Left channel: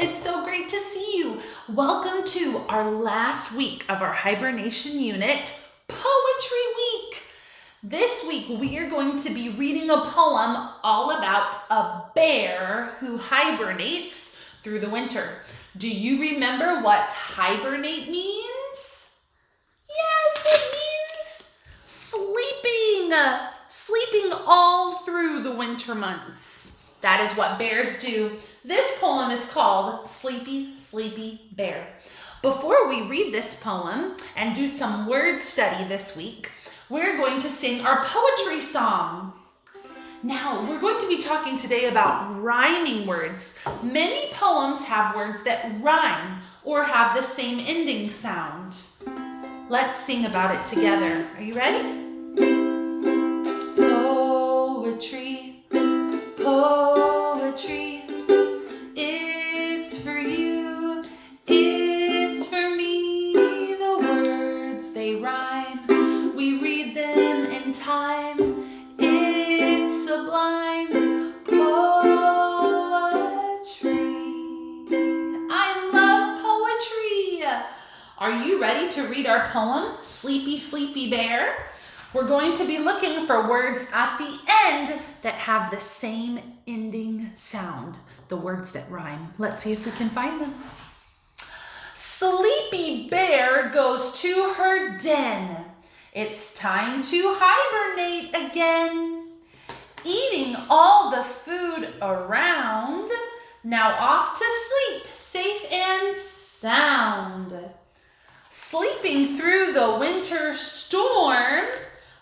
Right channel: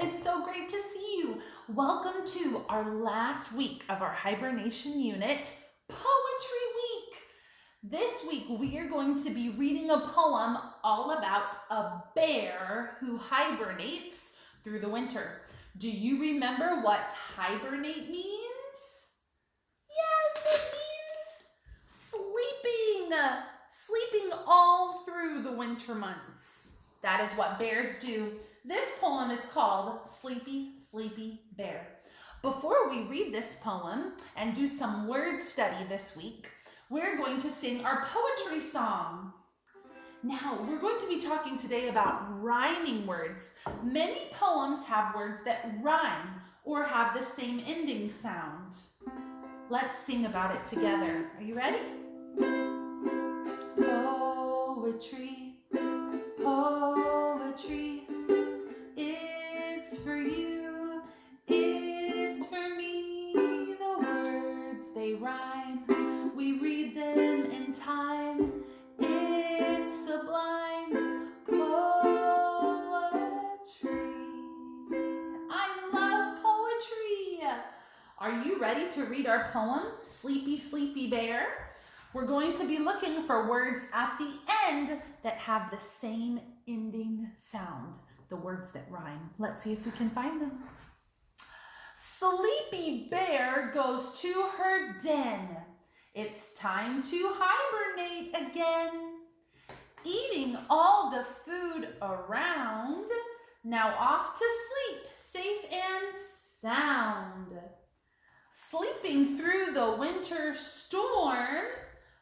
It's so great to see you. Welcome to our last week of our hibernation unit, Poetry Week. This week we are going to be reading a poem all about a bear who hibernates through the winter. Do you remember what hibernate means? Yes, it means sleeping all through the winter months. That is what bears do. This poem is called Sleepy, Sleepy Bear. Before we read this poem and do some word study this week, we're going to sing our poetry song. Now, we're going to be talking today about rhyming words. Many poems have words that rhyme or have the same ending sound. Let's sing about it together. Are you ready? Poetry, poetry, it's for you, it's for me. The words, they rhyme, we read them in time. It's sublime poetry. I love poetry. Are you ready to read our poem, Sleepy, Sleepy Bear? We're going to be looking for words at the end that have the same ending sound, the words that rhyme. Let's see if we can find them. Sleepy Bear goes to her den. It's time to hibernate again. Eating all the food around, now off to sleep, safe and sound. Sleeping through the winter storm,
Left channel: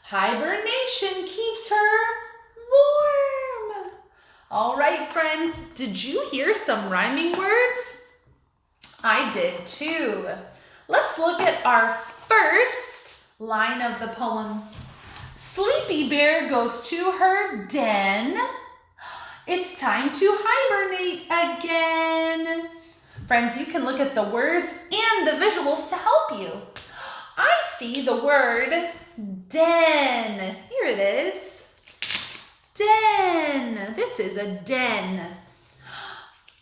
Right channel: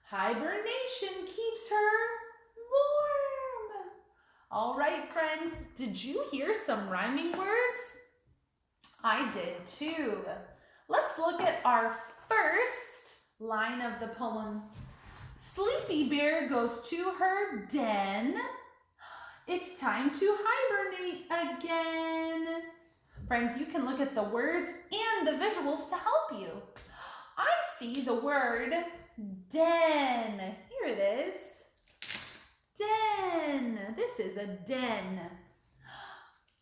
hibernation keeps her warm. All right, friends, did you hear some rhyming words? I did too. Let's look at our first line of the poem. Sleepy Bear goes to her den. It's time to hibernate again. Friends, you can look at the words and the visuals to help you. I see the word den. Here it is. Den. This is a den.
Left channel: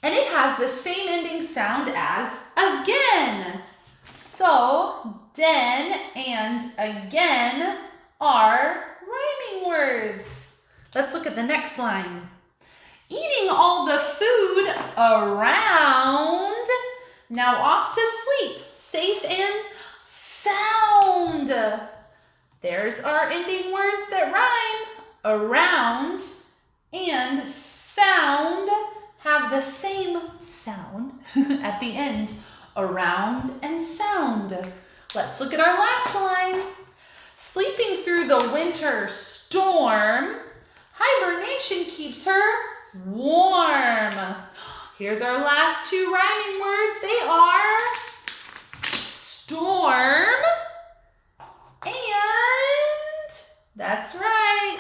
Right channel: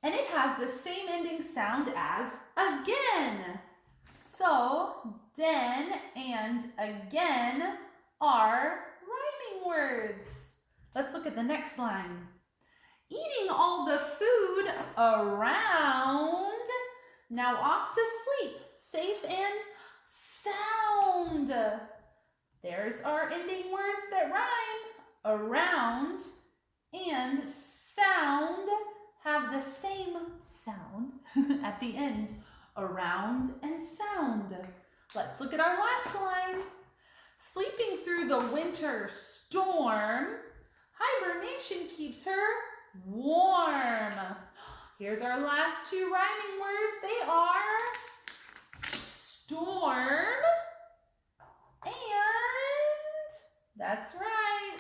And it has the same ending sound as again. So, den and again are rhyming words. Let's look at the next line. Eating all the food around, now off to sleep, safe and sound. There's our ending words that rhyme. Around and sound have the same sound at the end. Around and sound. Let's look at our last line. Sleeping through the winter storm, hibernation keeps her warm. Here's our last two rhyming words. They are storm and, that's right,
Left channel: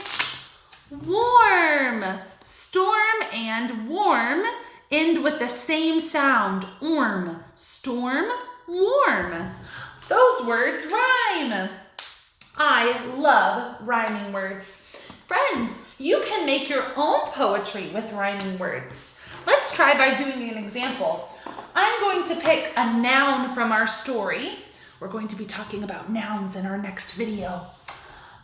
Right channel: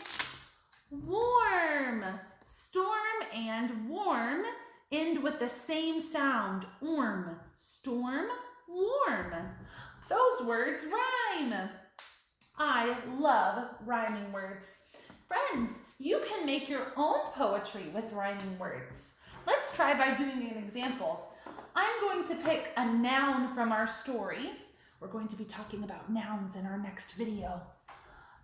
warm. Storm and warm end with the same sound. Orm. Storm, warm. Those words rhyme. I love rhyming words. Friends, you can make your own poetry with rhyming words. Let's try by doing an example. I'm going to pick a noun from our story. We're going to be talking about nouns in our next video.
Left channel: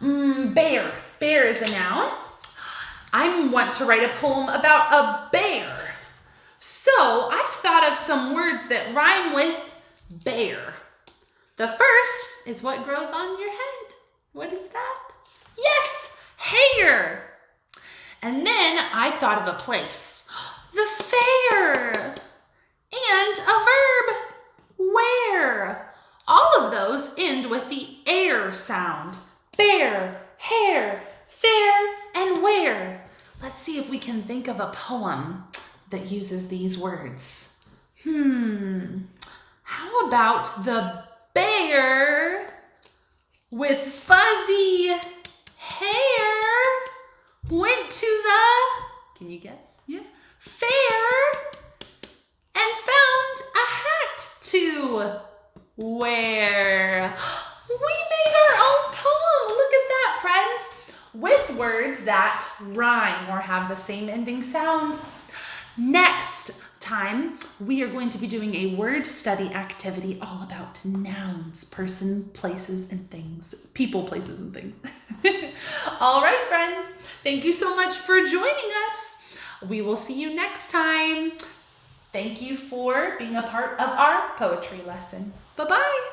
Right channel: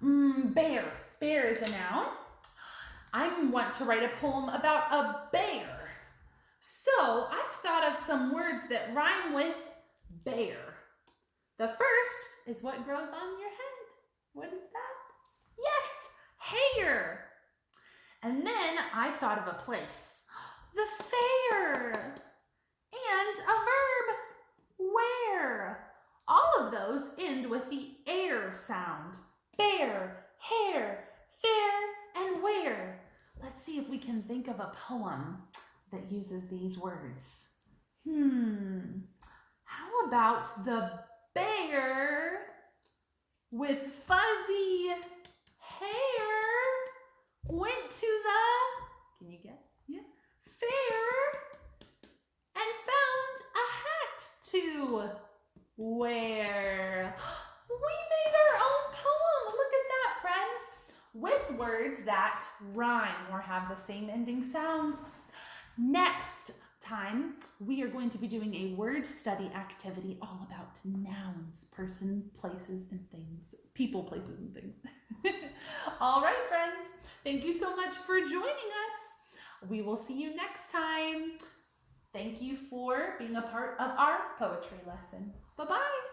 Bear. Bear is a noun. I want to write a poem about a bear. So I've thought of some words that rhyme with bear. The first is what grows on your head. What is that? Yes, hair. And then I've thought of a place, the fair, and a verb, wear. All of those end with the air sound. Bear, hair, fair, and wear. Let's see if we can think of a poem that uses these words. How about the bear with fuzzy hair went to the, can you guess? Yeah. Fair and found a hat to wear. We made our own poem. Look at that, friends. With words that rhyme or have the same ending sound. Next, time, we are going to be doing a word study activity all about nouns, person, places, and things. People, places, and things. All right, friends. Thank you so much for joining us. We will see you next time. Thank you for being a part of our poetry lesson. Bye-bye.